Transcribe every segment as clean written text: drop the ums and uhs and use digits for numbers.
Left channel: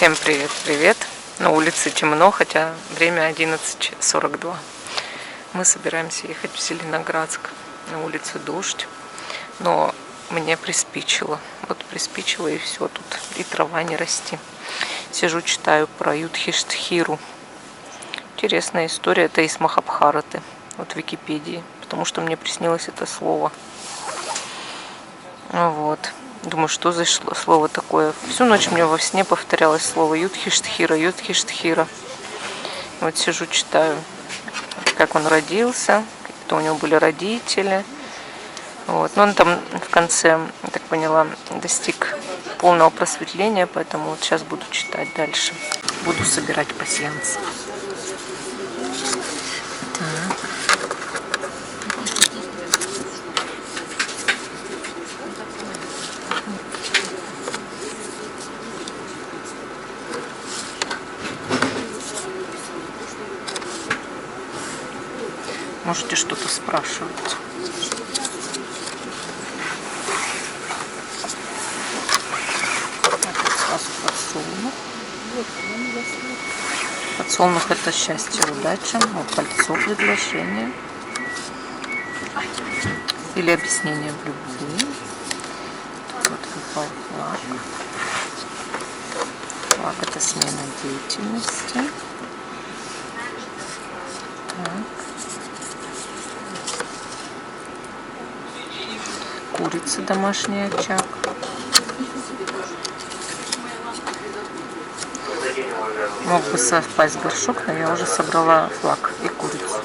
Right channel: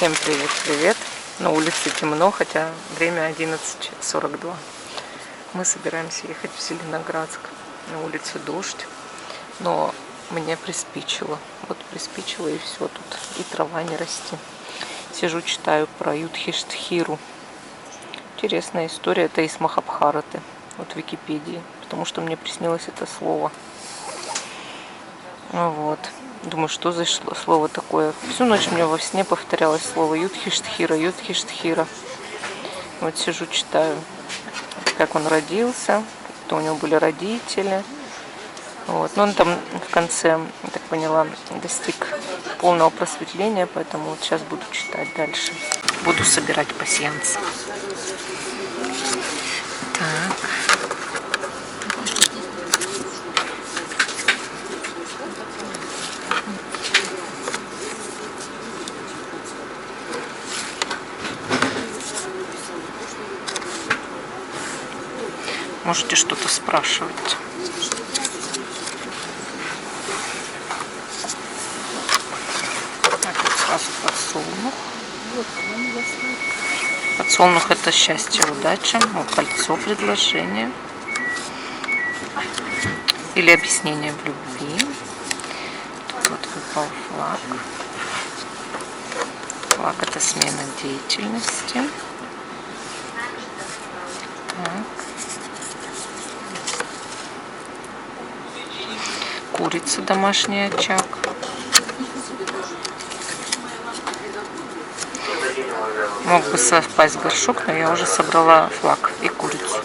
Всем привет! На улице темно, хотя время 11:42. Мы собираемся ехать в Зеленоградск. На улице дождь, но мне приспичило. Вот приспичило и все тут. И трава не расти. Сижу, читаю про Юдхиштхиру. Интересная история. Это из Махабхараты. Вот в Википедии. Потому что мне приснилось это слово. Вот. Думаю, что за слово такое. Всю ночь мне во сне повторялось слово Юдхиштхира, Юдхиштхира. Вот сижу, читаю, как он родился, кто у него были родители. Вот. Но он там в конце, я так поняла, достиг полного просветления, поэтому вот сейчас буду читать дальше. Буду собирать пасьянс. Так. Можете что-то спрашивать. Так, сразу подсолнух. Подсолнух — это счастье, удача. Вот кольцо, предложение. Или объяснение в любви. Тут вот выпал флаг. Флаг — это смена деятельности. Так. Курица, домашний очаг. Мог бы совпасть горшок, но я уже собрала флаг и курицу.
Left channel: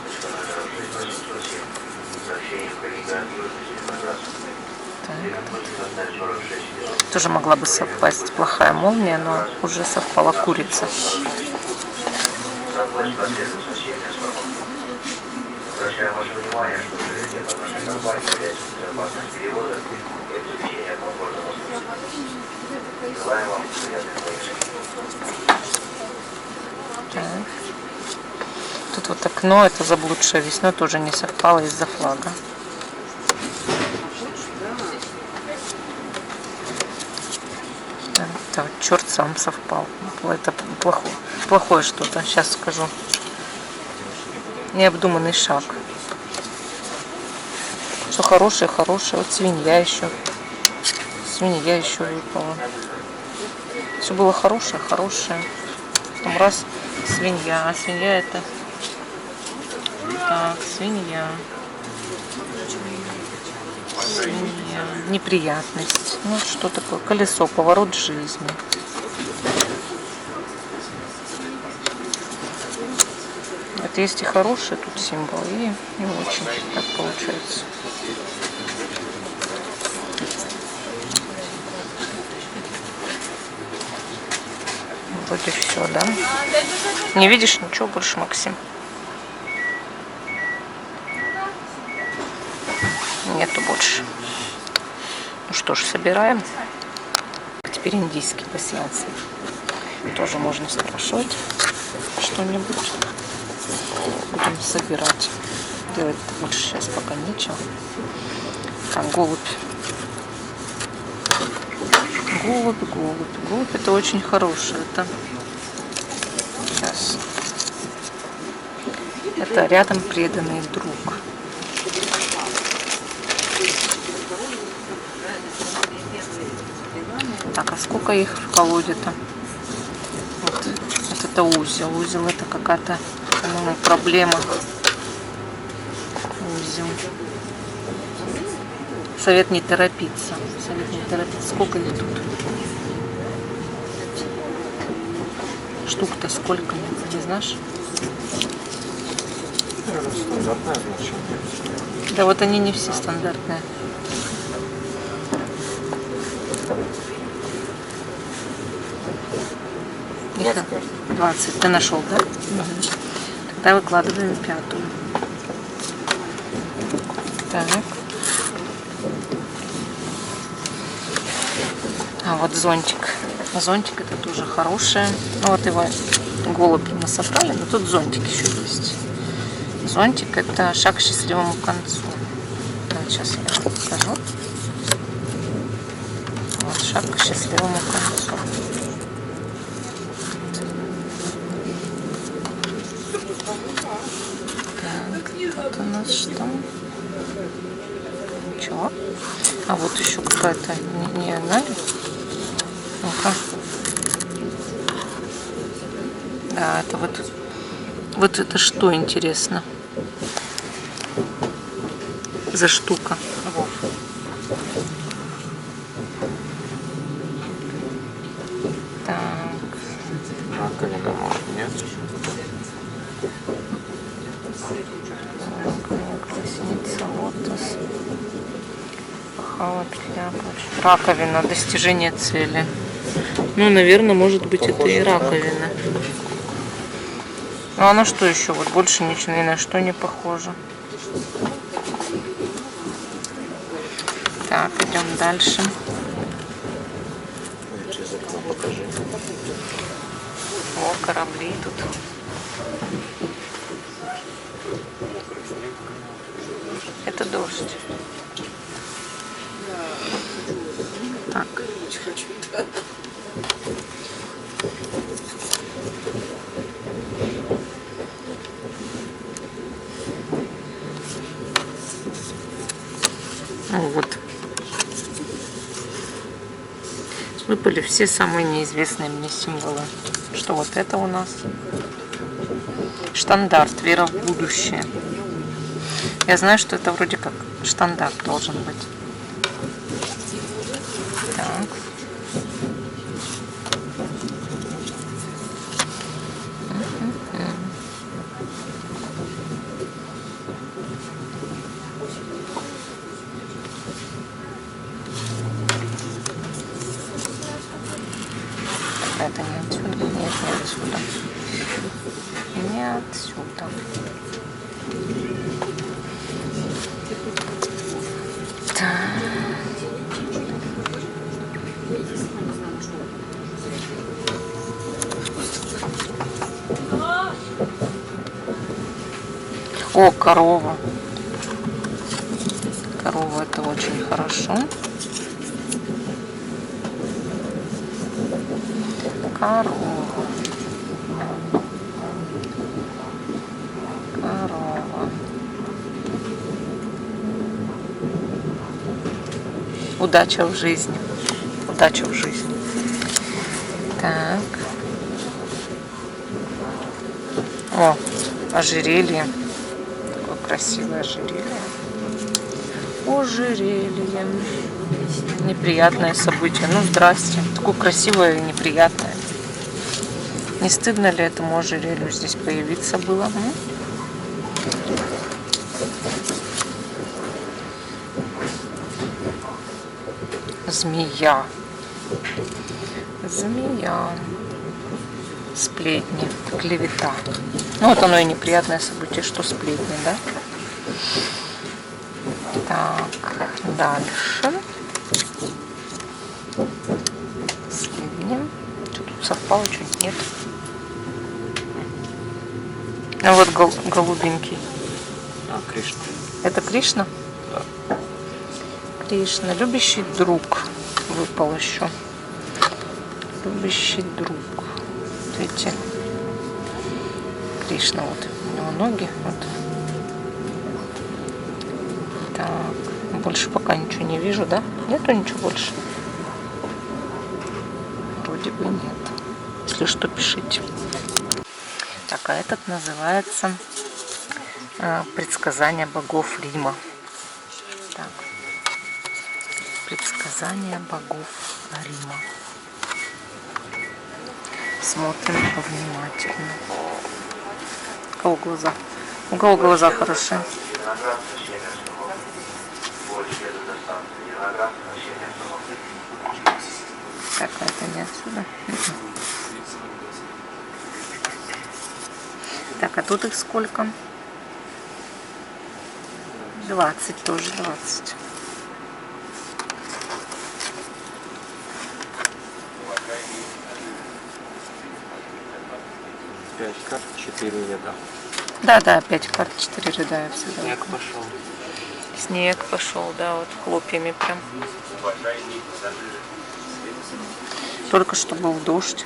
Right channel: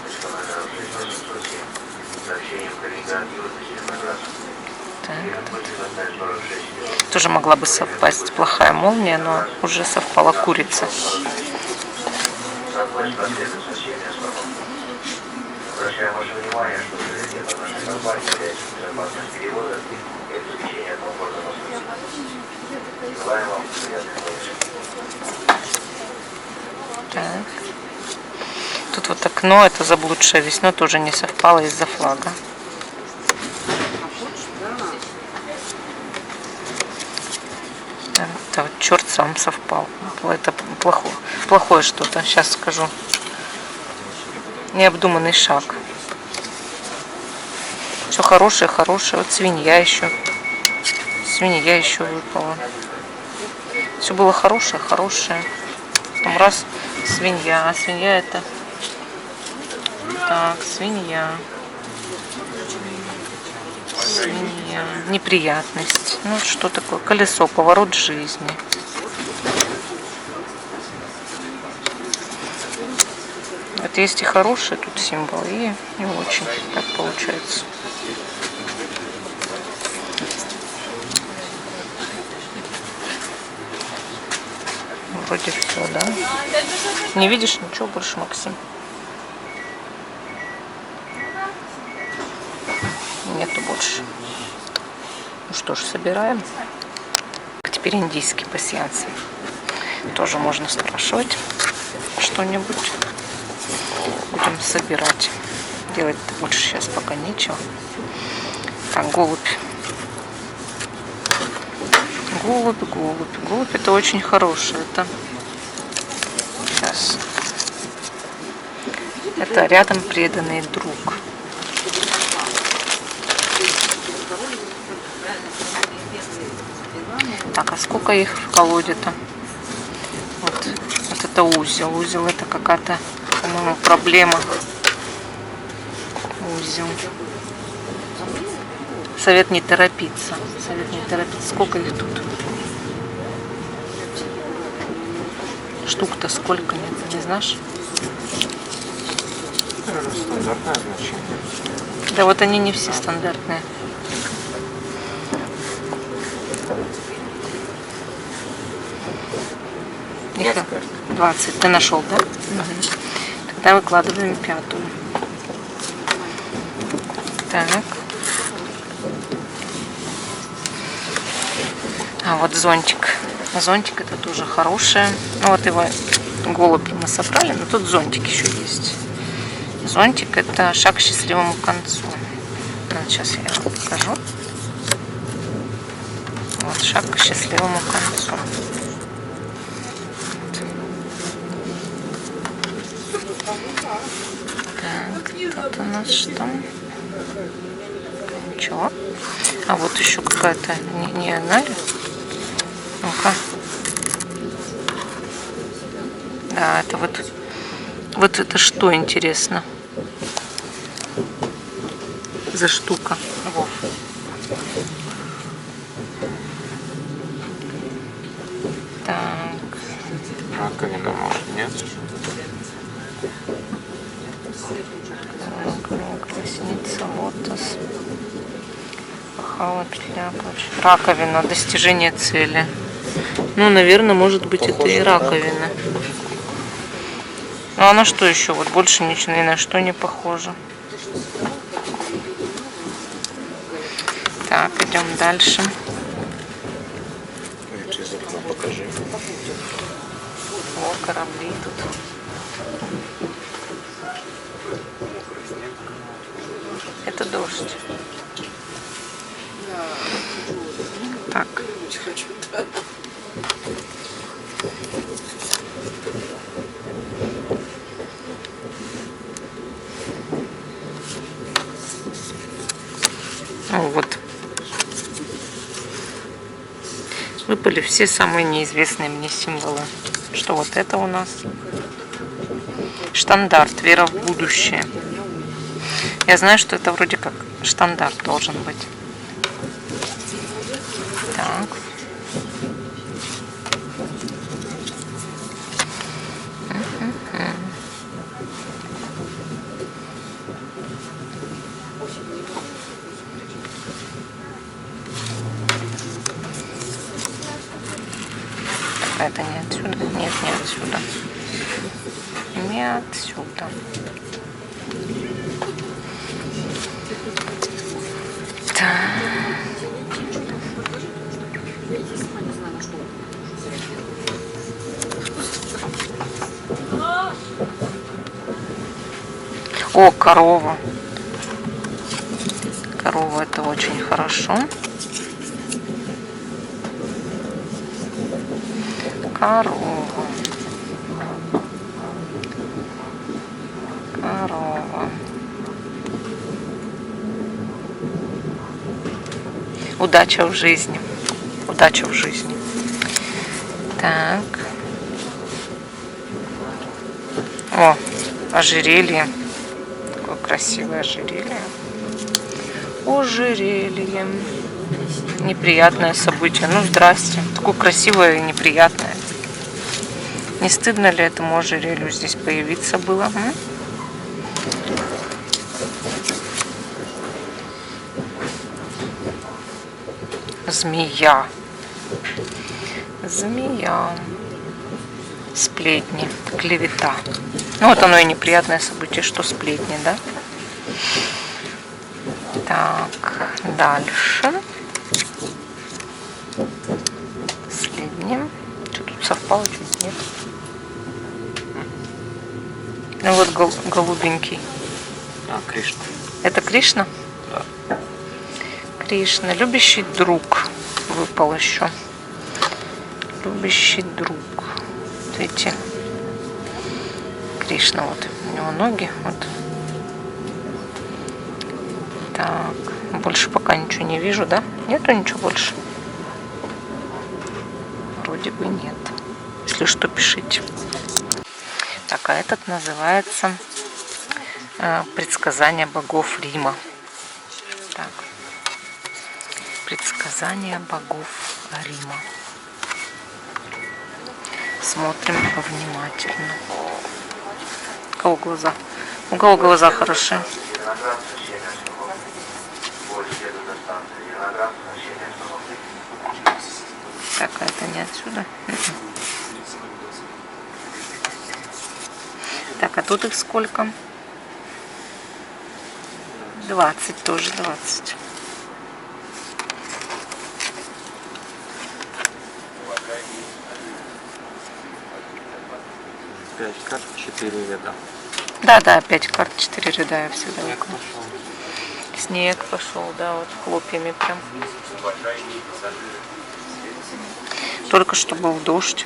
Так, тут тоже могла бы совпасть плохая молния, но уже совпала курица. Так. Тут вот окно, это заблудшее весна, тоже не совпало из-за флага. Это вот черт сам совпал. Это плохое что-то. Сейчас скажу. Необдуманный шаг. Все хорошее. Вот свинья еще. Свинья еще выпала. Все было хорошее. Потом раз свинья. А свинья это... Так, свинья. Неприятность. Ну что такое? Колесо, поворот жизни. Это есть и хорошие тут символы, и не очень, так получается. Вроде все, да? Не видишь ничего больше, Максим? Нету больше. Ну что ж, собираем. Теперь индийские пасьянсы. Тоже можно спрашивать что-нибудь. Будем собирать. Делать больше сейчас пока нечего. Так, голубь. Голубь это очень хорошее. Это сейчас. Это рядом преданный друг. Так, а сколько их в колоде-то? Вот это узел. Узел — это какая-то, по-моему, проблема. Узел. Совет не торопиться. Сколько их тут? Штук-то сколько? Не знаешь? Стандартное значение. Да вот они не все стандартные. Их 20. Ты нашел, да? Угу. Тогда выкладываем пятую. Так. А вот зонтик. Зонтик — это тоже хорошее. Ну вот его голубь мы собрали, но тут зонтик еще есть. Зонтик — это шаг к счастливому концу. Вот сейчас я вам покажу. Вот шаг к счастливому концу. нас что? Ничего. А вот еще какая-то не она ли? Ну-ка. Да, это вот это что, интересно? За штука. Во. Так. Раковина, может, нет? Колесница, лотос. Пахала, петля, раковина, достижение цели. Ну, наверное, может быть, похоже, это и раковина. Ну, а на что еще? Вот больше ничего ни на что не похоже. Так, идем дальше. Через окно покажи. О, корабли тут. Это дождь. Так. Вот. Выпали все самые неизвестные мне символы. Что вот это у нас? Штандарт. Вера в будущее. Я знаю, что это вроде как штандарт должен быть. Так. Это не отсюда? Нет, не отсюда. Не отсюда. Так. О, корова. Корова, это очень хорошо. Корова. Корова. Удача в жизни. Удача в жизни. Так. О, ожерелье. Такое красивое ожерелье. Ожерелье. Неприятное событие. Ну, здрасте. Такое красивое и неприятное. Не стыдно ли этому ожерелью здесь появиться было? Змея. Змея. Сплетни. Клевета. Ну, вот оно и неприятное событие, что сплетни, да? Так, дальше. Последним. Что тут совпало, чуть нет. Ну вот голубенький. А, Кришна. Это Кришна? Да. Кришна. Любящий друг. Выпал еще. Любящий друг. Видите? Кришна. Вот. У него ноги. Вот. Так. Больше пока ничего не вижу, да? Нету ничего больше? Вроде бы нет. Если что, пишите. Так, а этот называется «Предсказания богов Рима». Так. «Предсказания богов Рима». Смотрим внимательно. У кого глаза? У кого глаза хорошие? Так, а это не отсюда. Так, а тут их сколько? 20 тоже, 20. Пять карт, 4 ряда. Да, 5 карт, 4 ряда, я всегда. Снег пошел. Снег пошел, да, вот хлопьями прям. Только что был дождь.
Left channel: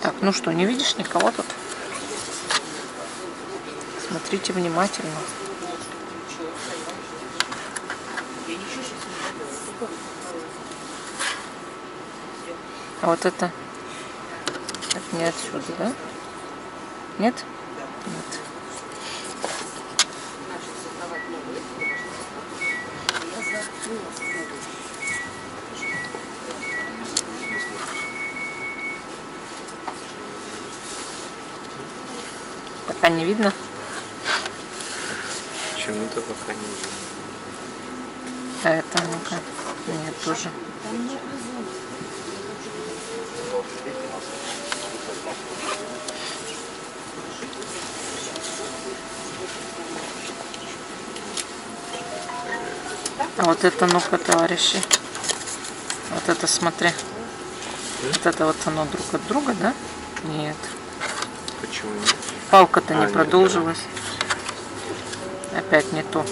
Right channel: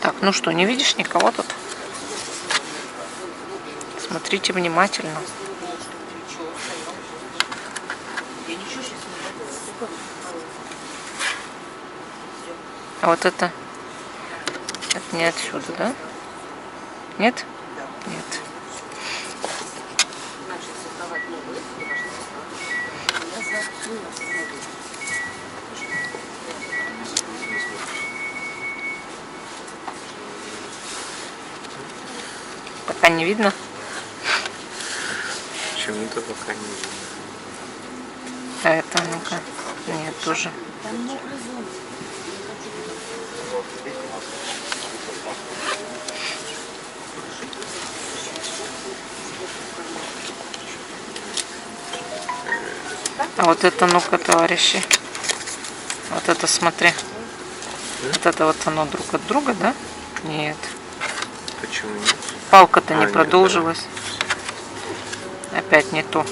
Так, ну что, не видишь никого тут? Смотрите внимательно. А вот это не отсюда, да? Нет? Нет. Пока не видно. Почему-то пока не видно. А это, ну-ка. Нет, тоже. А вот это, ну-ка, товарищи. Вот это, смотри. Вот это вот оно друг от друга, да? Нет. Почему нет? Палка-то не нет, продолжилась. Опять не то.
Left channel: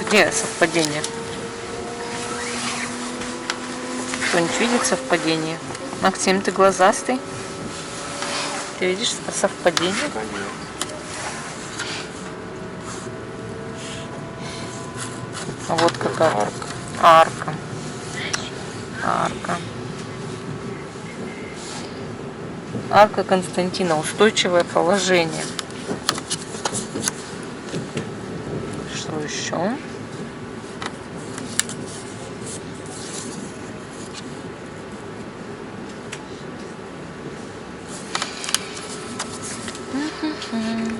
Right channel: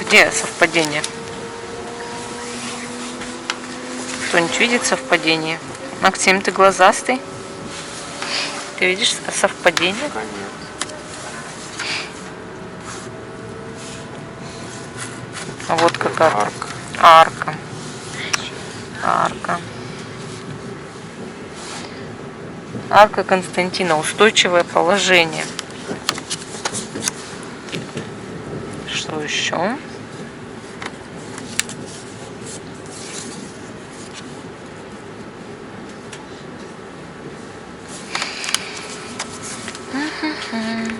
Где совпадение? Кто-нибудь видит совпадение? Максим, ты глазастый? Ты видишь совпадение? Пока нет. Вот какая Арка. арка. Арка. Арка Константина. Устойчивое положение. Что еще?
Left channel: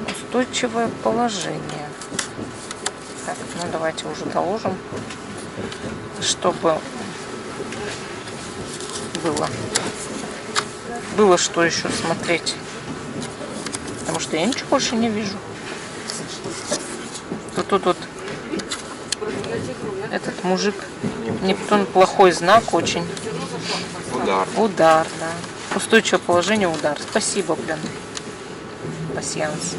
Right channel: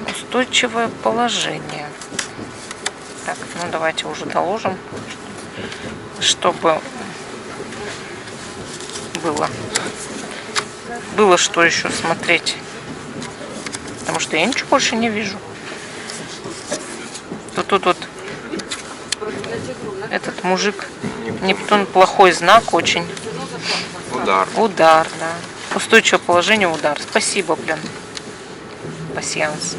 Устойчивое положение. Так, ну давайте уже доложим, чтобы было что еще смотреть. Потому что я ничего больше не вижу. Тут вот этот мужик Нептун, плохой знак очень. Удар. Удар, да. Устойчивое положение, удар. Спасибо, блин. Пасьянс.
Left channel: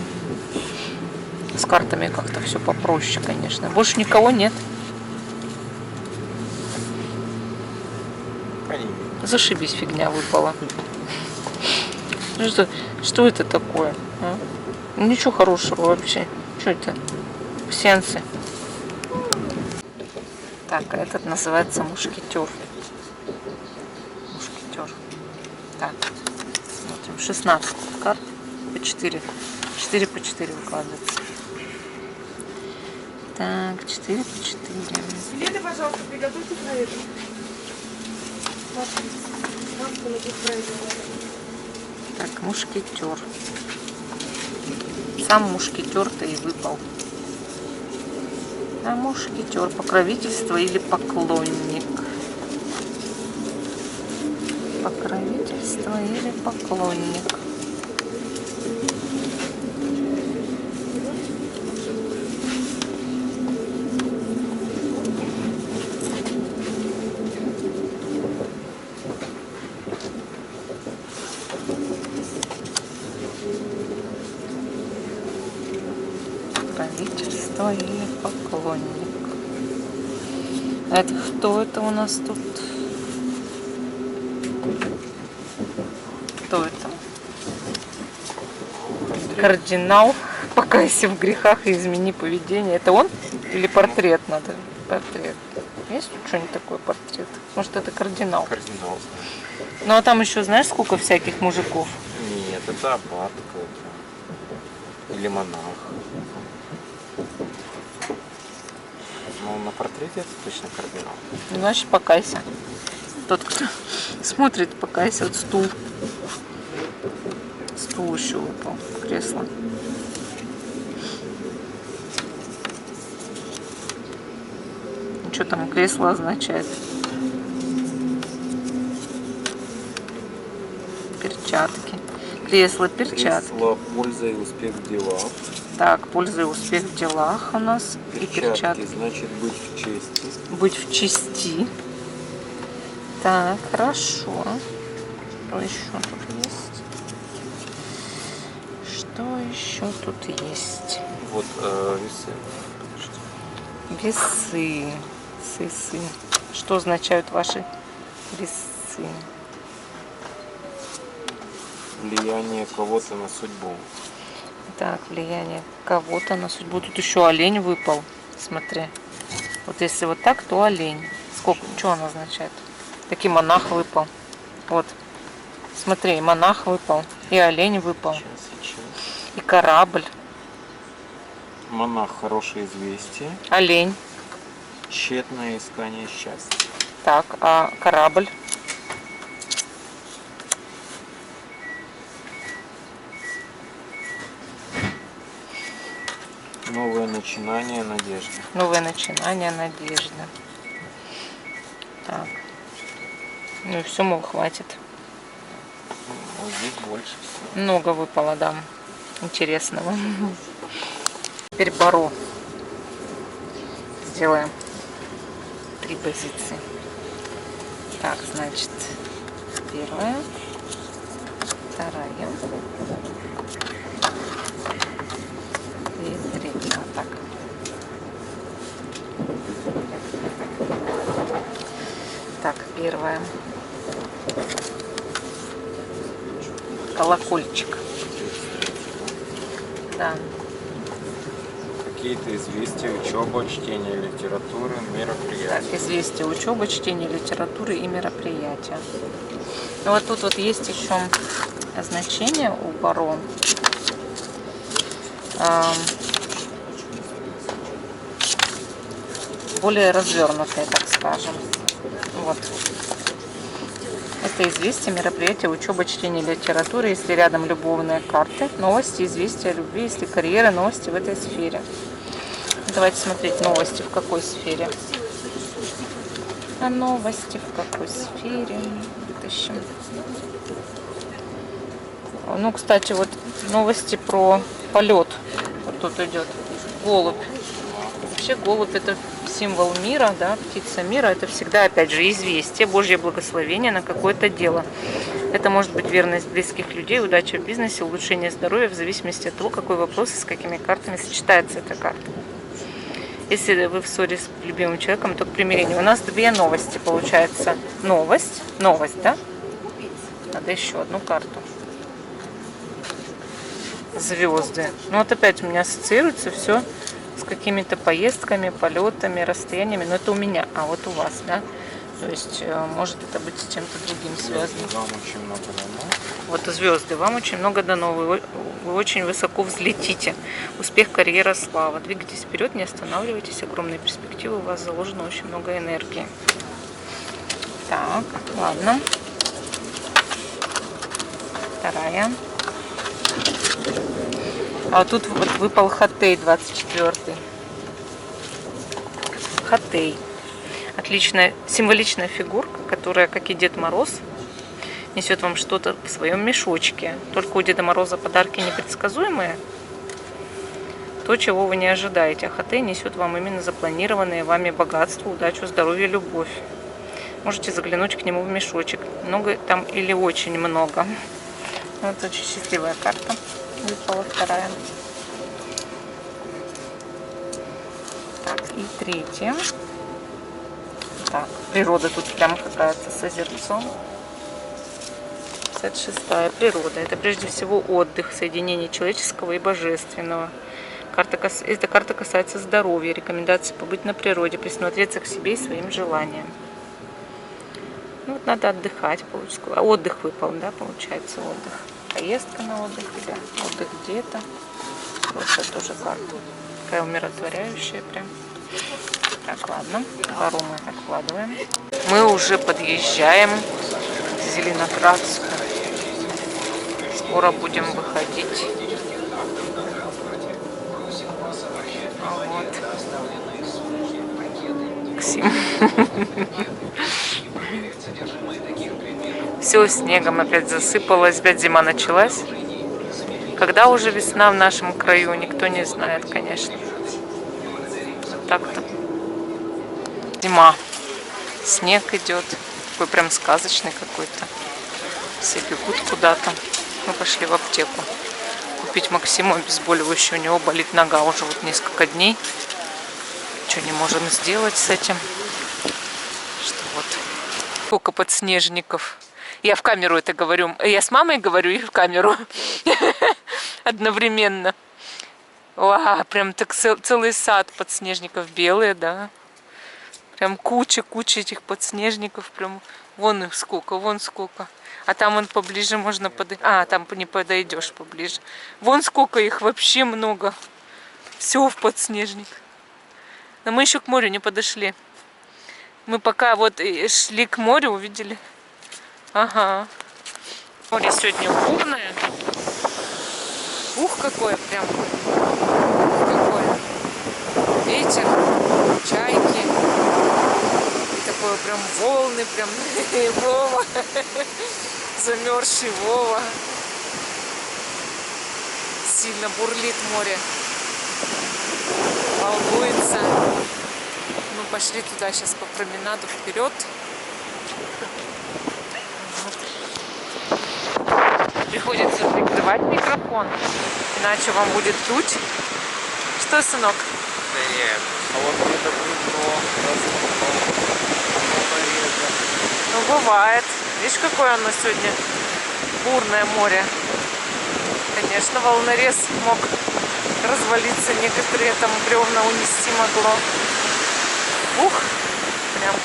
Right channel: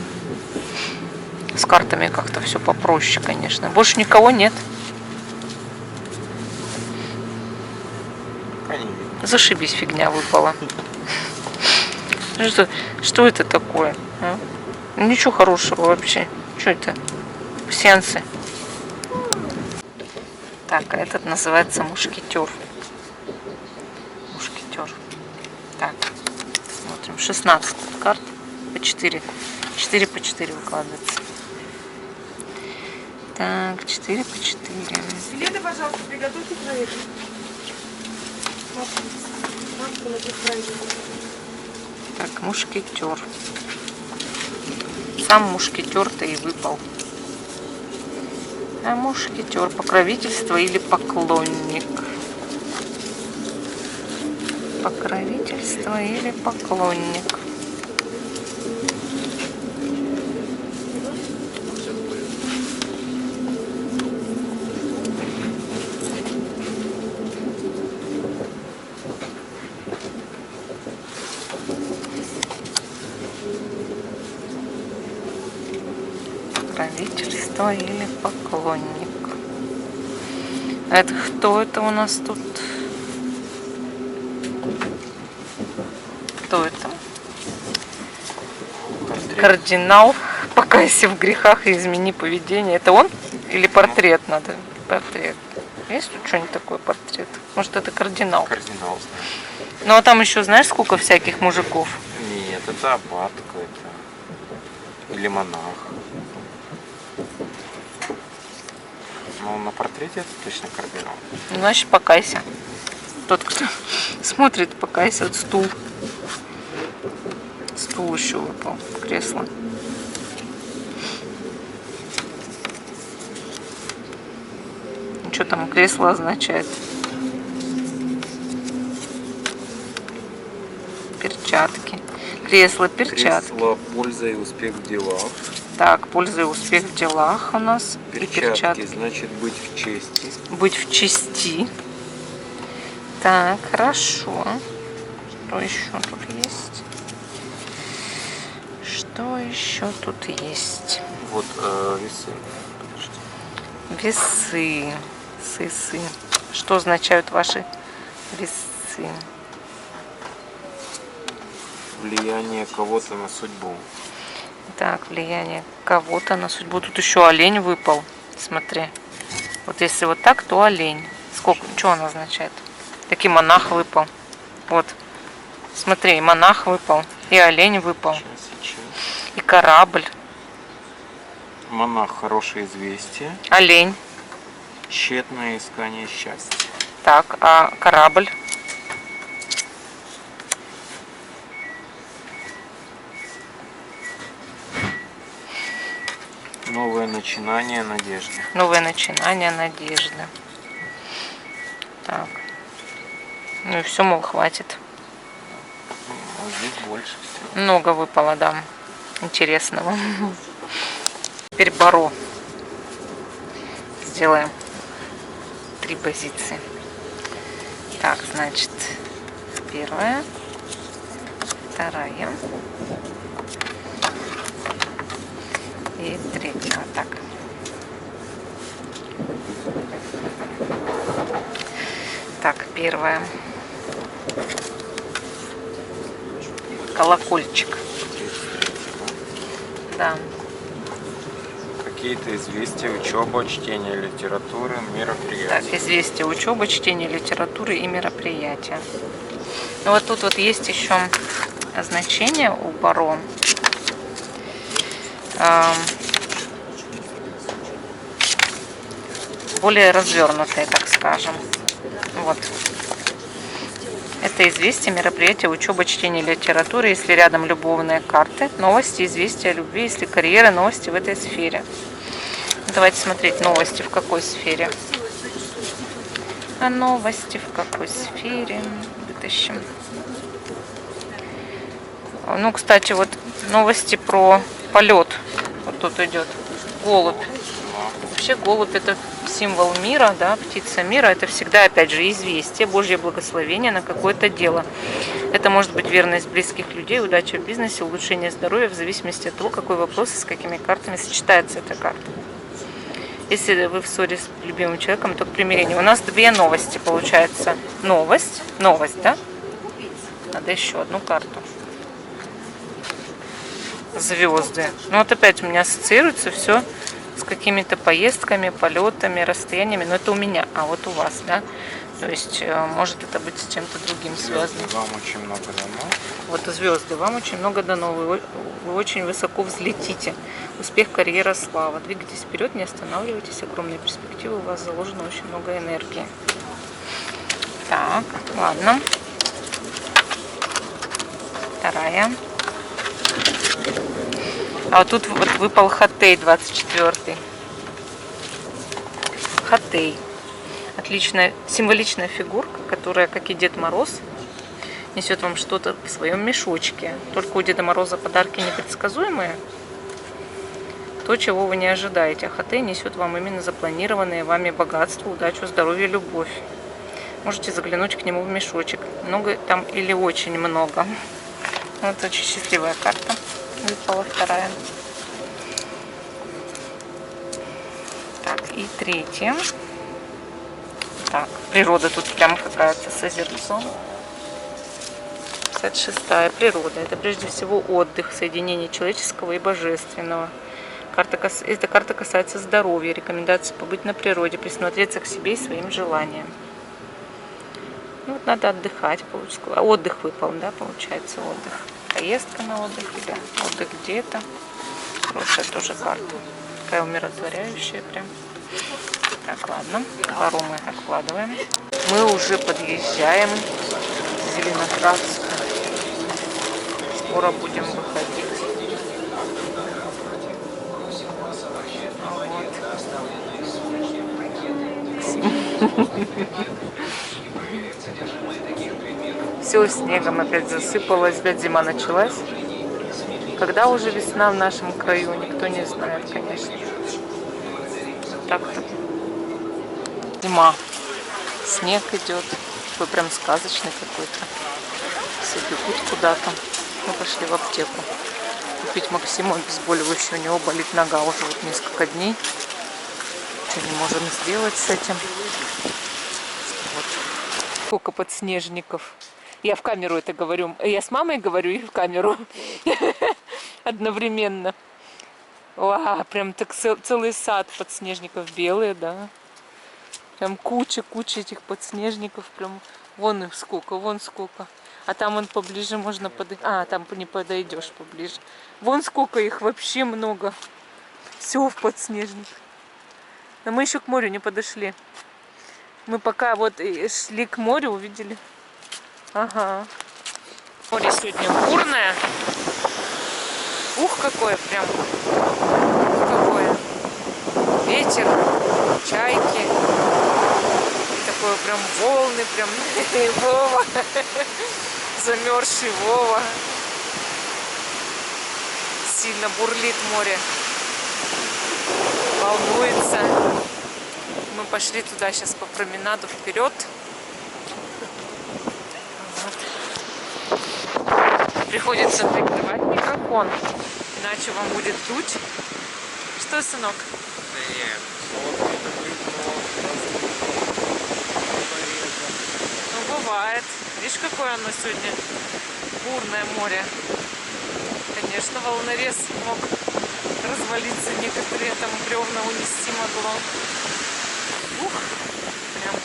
С картами как-то все попроще, конечно. Больше никого нет. Зашибись, фигня выпала. Что это такое? А? Ничего хорошего вообще. Что это? Сеансы. Так, а этот называется мушкетер. Мушкетер. Так, смотрим. 16 карт по 4. 4 по 4 выкладывается. Так, 4 по 4. Билеты, пожалуйста, приготовьте к проверке. Так, мушкетер. Сам мушкетер-то и выпал. А мушкетер, покровительство или поклонник? Покровительство или поклонник? Покровительство или поклонник? А это кто это у нас тут? Кто это? Кардинал. Покайся в грехах и измени поведение. Это он? Или портрет надо? Портрет. Есть тут что-нибудь такое, портрет? Может, это кардинал? Кардинал. Ну, а там еще знаешь, сколько всяких мужиков? Нет, это аббат какой-то. Или монах. Ну, на портрете это точно кардинал. Ну, значит, покайся. Тот, кто смотрит, покайся. Вот стул. Стул еще выпал. Кресло. Что там кресло означает? Перчатки. Кресло, перчатки. Кресло, польза и успех в делах. Так, польза и успех в делах у нас. Перчатки, значит быть в чести. Быть в чести. Так, хорошо. Что еще тут есть? Что еще тут есть? Вот весы. Подожди. Весы. Сы. Что означают ваши весы? Влияние кого-то на судьбу. Так, влияние кого-то на судьбу. Тут еще олень выпал. Смотри. Вот если вот так, то олень. Сколько? Что он означает? Таки монах выпал. Вот. Смотри, монах выпал. И олень выпал. Сейчас. И корабль. Монах, хорошее известие. Олень. Тщетное искание счастья. Так, а корабль? Новое начинание, надежда. Новое начинание, надежда. Так. Ну и все, мол, хватит. Вот здесь больше всего. Много выпало, да. Интересного. Теперь баро. Сделаем 3 позиции. Так, значит, первая, вторая и третья. Вот так. Так, первая. Колокольчик. Да. Какие-то известия, учеба, чтение литературы, мероприятия. Так, известия, учеба, чтение литературы и мероприятия. Ну вот тут вот есть еще значение у баро. Более развернутые, так скажем. Вот. Это известия, мероприятия, учеба, чтение литературы, если рядом любовные карты, новости, известия о любви, если карьера, новости в этой сфере. Давайте смотреть новости в какой сфере. А новости в какой сфере? Вытащим. Ну, кстати, вот новости про полет. Вот тут идет голубь. Вообще голубь — это символ мира, да, птица мира. Это всегда, опять же, известие, Божье благословение на какое-то дело. Это может быть верность близких людей, удача в бизнесе, улучшение здоровья, в зависимости от того, какой вопрос и с какими картами сочетается эта карта. Если вы в ссоре с любимым человеком, то к примирению. У нас 2 новости, получается. Новость, да? Надо еще одну карту. Звезды. Ну вот опять у меня ассоциируется все с какими-то поездками, полетами, расстояниями. Но это у меня, а вот у вас, да? То есть может это быть с чем-то другим связано. Вам очень много дано. Вот звезды, вам очень много дано. Вы очень высоко взлетите. Успех, карьера, слава. Двигайтесь вперед, не останавливайтесь. Огромные перспективы. У вас заложено очень много энергии. Так, ладно. Вторая. А вот тут вот выпал Хатей 24. Хатей. Отличная символичная фигурка, которая, как и Дед Мороз, несет вам что-то в своем мешочке. Только у Деда Мороза подарки непредсказуемые. То, чего вы не ожидаете. А Хатей несет вам именно запланированные вами богатство, удачу, здоровье, любовь. Можете заглянуть к нему в мешочек. Много там или очень много. Вот очень счастливая карта. Выпала вторая. Так, и третья. Так, природа тут прямо какая-то с озерцом. 56-я. Природа. Это прежде всего отдых, соединение человеческого и божественного. Эта карта касается здоровья, рекомендации побыть на природе, присмотреться к себе и своим желаниям. Ну, вот надо отдыхать. Отдых выпал, да, получается, отдых. Поездка на отдых или отдых где-то. Хорошая тоже карта. Такая умиротворяющая прям. Так, ладно. Пару мы откладываем. Мы уже подъезжаем к Зеленоградску. Скоро будем выходить. Вот. Максим. Все снегом опять засыпалось, опять зима началась. Когда уже весна в нашем краю, никто не знает, конечно. Так-то. Зима. Снег идет. Такой прям сказочный какой-то. Все бегут куда-то. Мы пошли в аптеку купить Максиму обезболивающее. У него болит нога уже вот несколько дней. Ничего не можем сделать с этим. Что вот. Сколько подснежников. Я в камеру это говорю. Я с мамой говорю и в камеру. Одновременно. Вау, прям так целый сад подснежников белые, да. Прям куча этих подснежников. Прям вон их сколько, вон сколько. А там вон поближе можно подойти. А, там не подойдешь поближе. Вон сколько их, вообще много. Все в подснежник. Но мы еще к морю не подошли. Мы пока вот шли к морю, увидели. Ага. Море сегодня бурное. Ух, какое прям. Ух, какое. Ветер, чайки. И такое прям волны, прям Вова. Замерзший Вова. Сильно бурлит море. Волнуется. Мы пошли туда сейчас по променаду вперед. Приходится прикрывать микрофон, иначе вам будет дуть. Что, сынок? Да нет, а вот где-то бревно, размыло, волнореза. Ну, бывает. Видишь, какое оно сегодня бурное море. Конечно, волнорез мог развалиться, некоторые там бревна унести могло. Ух, прям.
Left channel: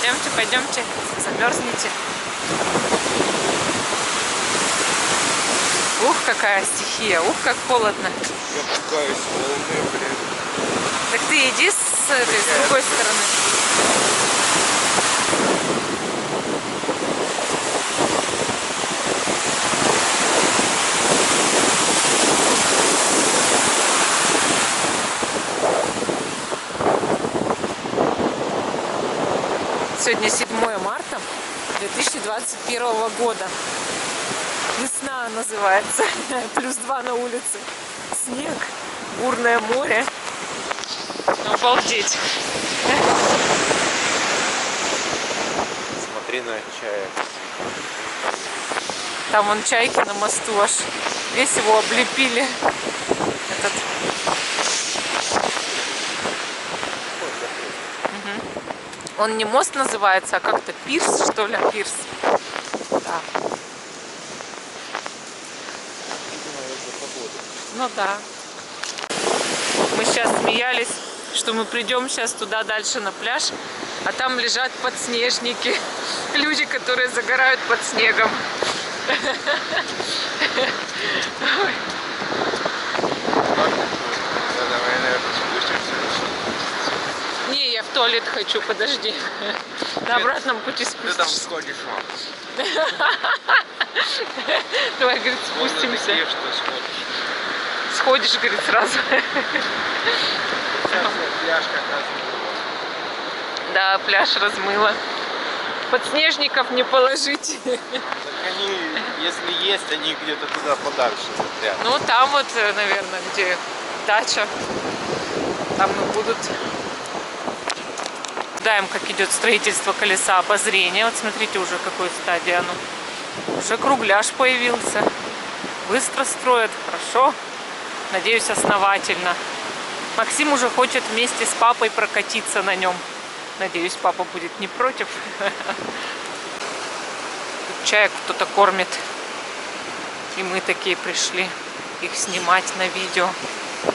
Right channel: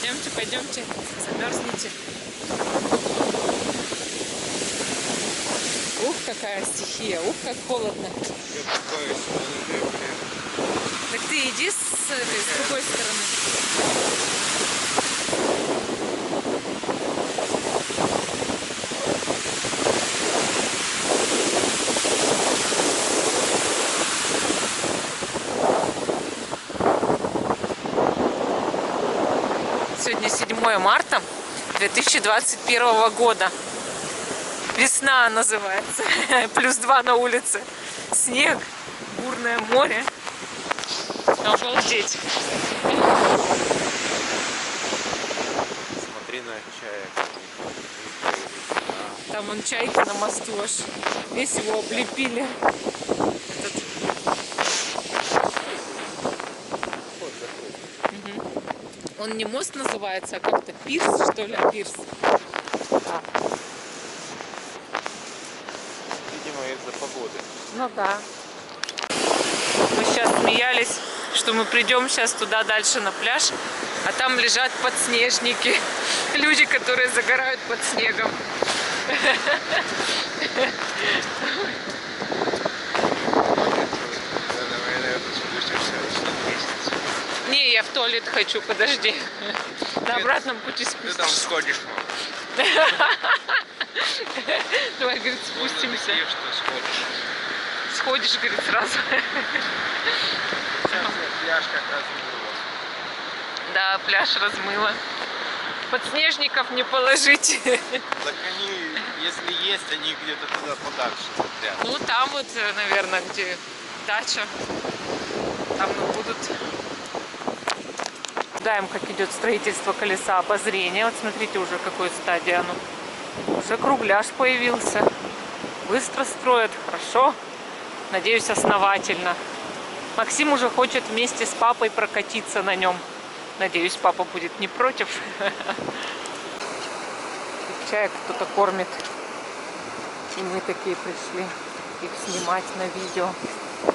Пойдемте, пойдемте, замерзнете. Ух, какая стихия, ух, как холодно. Я пугаюсь волны, блядь. Так ты иди с этой, с другой стороны. Сегодня 7 марта 2021 года. Весна называется. +2 на улице. Снег, бурное море. Обалдеть. Смотри на чаек. Там вон чайки на мосту аж. Весь его облепили. Этот. Он не мост называется, а как-то пирс, что ли? Пирс. Да. Видимо, из-за погоды. Ну да. Мы сейчас смеялись, что мы придем сейчас туда дальше на пляж, а там лежат подснежники. Люди, которые загорают под снегом. Не, я в туалет хочу, подожди. На обратном пути Ты спустимся. там сходишь, мам. Давай, говорит, спустимся. Такие, что сходишь. Сходишь, говорит, сразу. Сейчас пляж как раз было. Да, пляж размыло. Подснежников не положить. Так они, если есть, они где-то туда подальше застряли. Ну, там вот, наверное, где дача. Там и будут. Наблюдаем, как идет строительство колеса обозрения. Вот смотрите, уже какой стадии оно. Уже кругляш появился. Быстро строят, хорошо. Надеюсь, основательно. Максим уже хочет вместе с папой прокатиться на нем. Надеюсь, папа будет не против. Чаек кто-то кормит. И мы такие пришли их снимать на видео.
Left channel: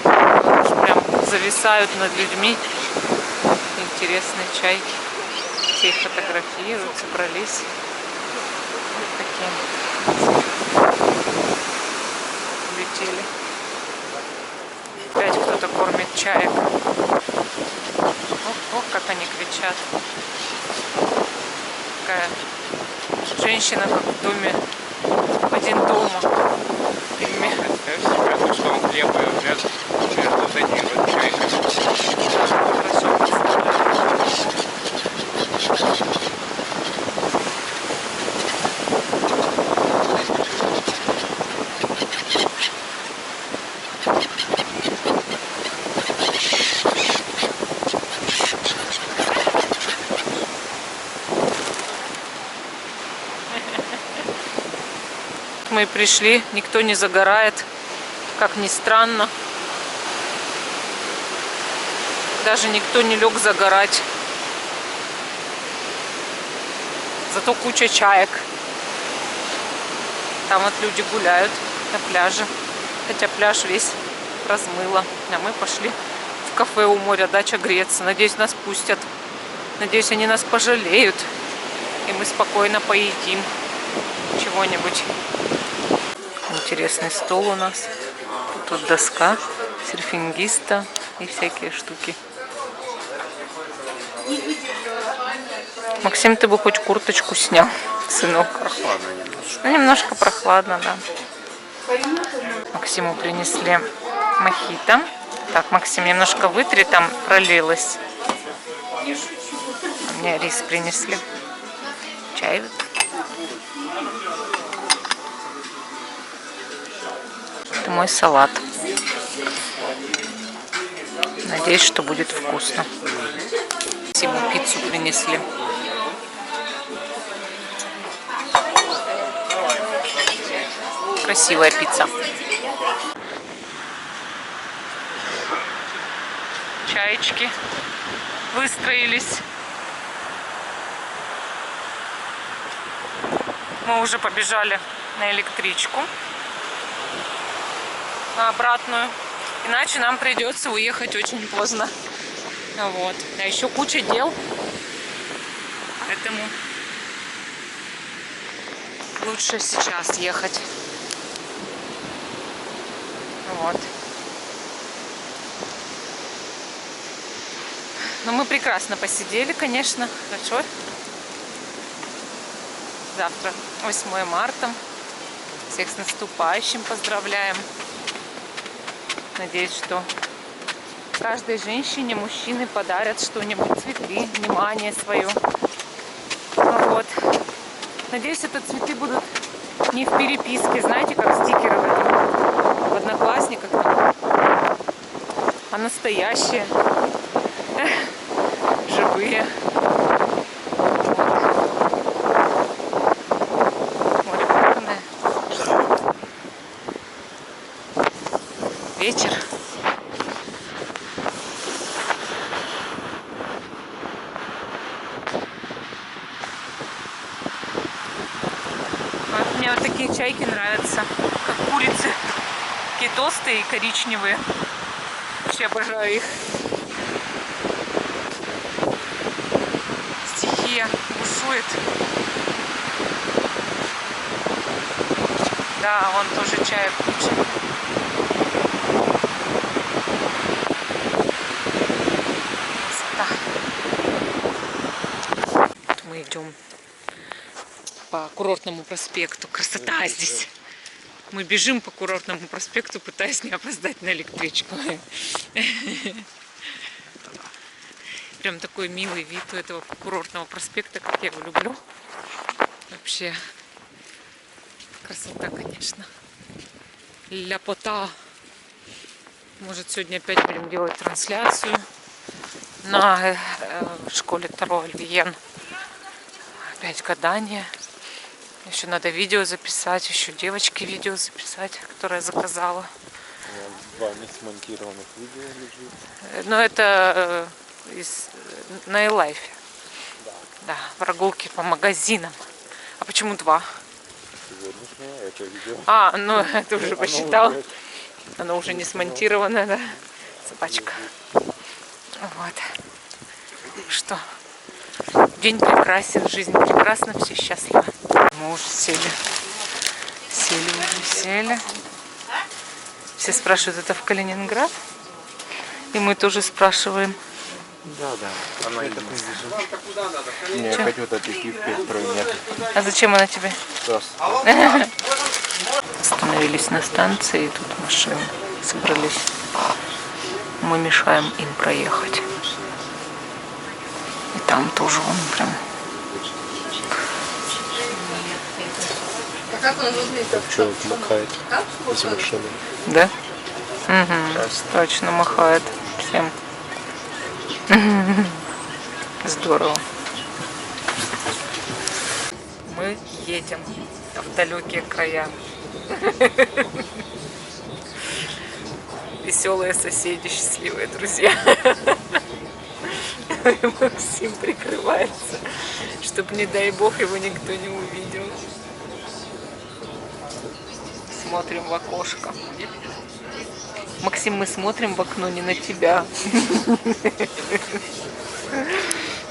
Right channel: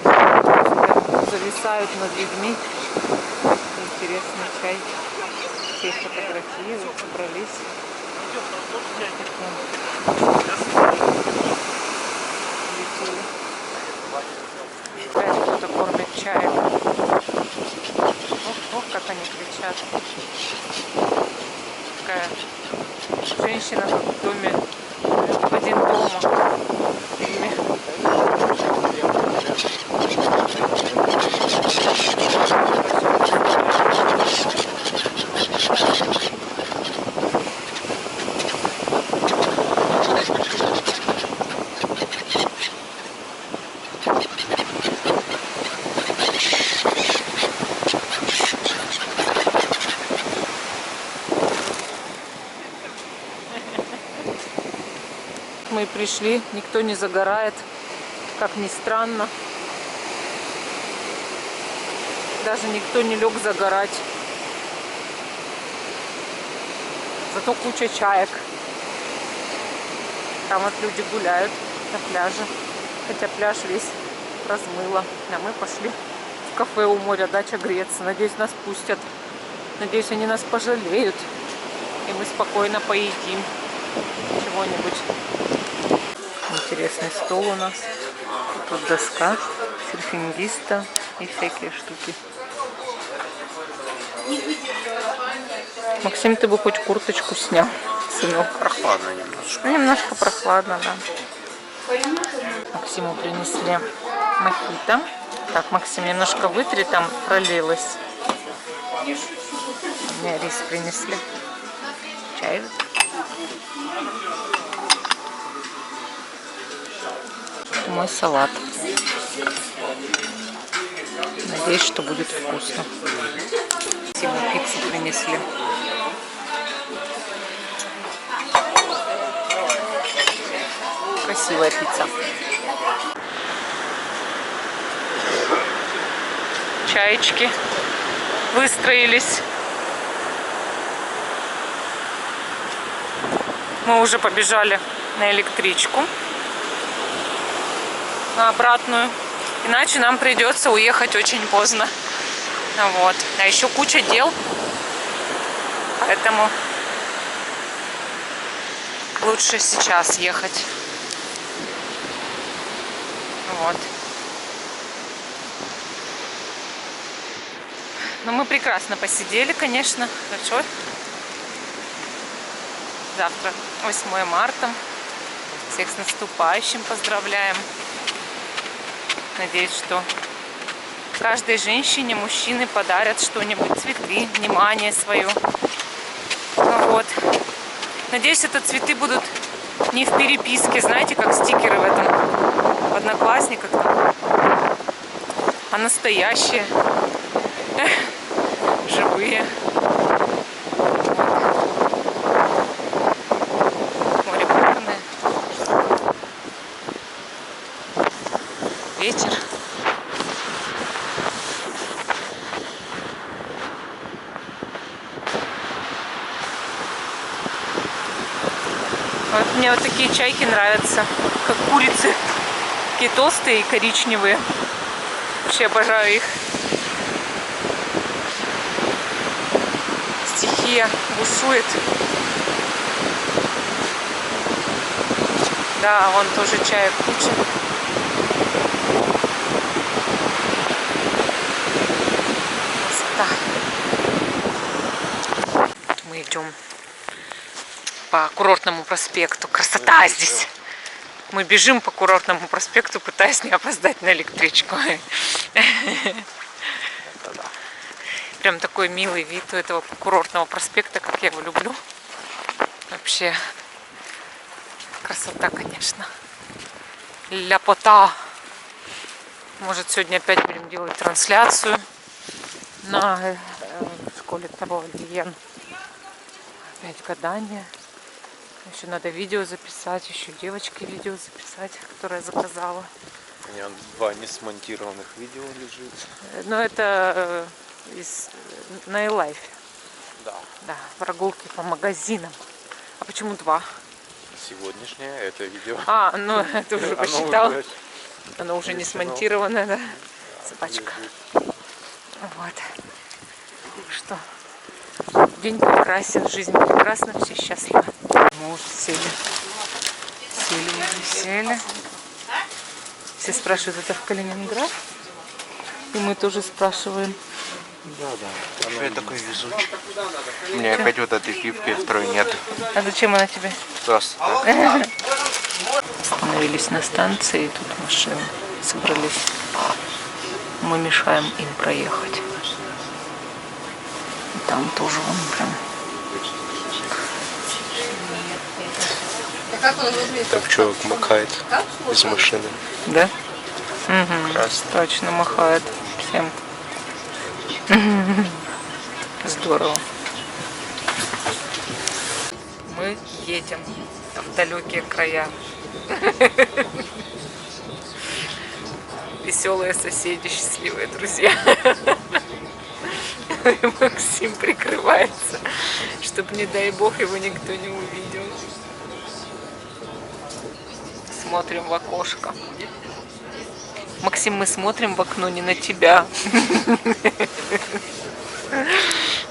Прям зависают над людьми. Интересные чайки. Все их фотографируют, собрались. Такие. Летели. Опять кто-то кормит чаек. Ох, как они кричат. Такая женщина, как в доме, в один дома. Что он хлеб вот эти вот чайки. Да, хорошо представляю. мы и пришли. Никто не загорает, как ни странно. Даже никто не лег загорать. Зато куча чаек. Там вот люди гуляют на пляже. Хотя пляж весь размыло. А мы пошли в кафе у моря «Дача греться». Надеюсь, нас пустят. Надеюсь, они нас пожалеют. И мы спокойно поедим чего-нибудь. Интересный стол у нас. Тут доска серфингиста и всякие штуки. Максим, ты бы хоть курточку снял, сынок. Прохладно немножко. Ну, немножко прохладно, да. Максиму принесли мохито. Так, Максим, немножко вытри, там пролилось. Мне рис принесли. Чай. Это мой салат. Надеюсь, что будет вкусно. Максиму пиццу принесли. Красивая пицца. Чаечки выстроились. Мы уже побежали на электричку, на обратную. Иначе нам придется уехать очень поздно. Вот. А еще куча дел. Поэтому лучше сейчас ехать. Вот. Но мы прекрасно посидели, конечно. Хорошо. Завтра 8 марта. Всех с наступающим поздравляем. Надеюсь, что каждой женщине мужчины подарят что-нибудь, цветы, внимание свое. Вот. Надеюсь, это цветы будут не в переписке, знаете, как стикеры в Одноклассниках там, а настоящие, живые. Вот. Море горное. Вечер. Вот мне вот такие чайки нравятся, как курицы. Такие толстые и коричневые. Вообще обожаю их. Стихия бушует. Да, вон тоже чаек куча. Красота. Вот мы идем по Курортному проспекту. Красота здесь. Мы бежим по Курортному проспекту, пытаясь не опоздать на электричку. Прям такой милый вид у этого Курортного проспекта, как я его люблю. Вообще красота, конечно. Ляпота. Может, сегодня опять будем делать трансляцию на школе Таро Альвиен. Опять гадание. Еще надо видео записать, еще девочке видео записать, которое я заказала. У меня 2 несмонтированных видео лежит. Но это на iLife. Да. Да, прогулки по магазинам. А почему 2? Сегодняшнее это видео. А, ну это уже посчитал. Уже Оно уже не смонтировано, да? Собачка. Вот. Что? День прекрасен, жизнь прекрасна, все счастливы. Мы уже сели. Сели. Все спрашивают, это в Калининград? И мы тоже спрашиваем. Да. Я такой вижу. У меня опять вот этой гифки, которой нет. А зачем она тебе? Просто. Остановились на станции, и тут машины собрались. Мы мешаем им проехать. И там тоже он прям. Так человек махает из машины. Да? Угу. Точно махает всем. Здорово. Мы мы едем в далекие края. Веселые соседи, счастливые друзья. И Максим прикрывается, чтобы, не дай бог, его никто не увидел. Смотрим в окошко. Максим, мы смотрим в окно не на тебя.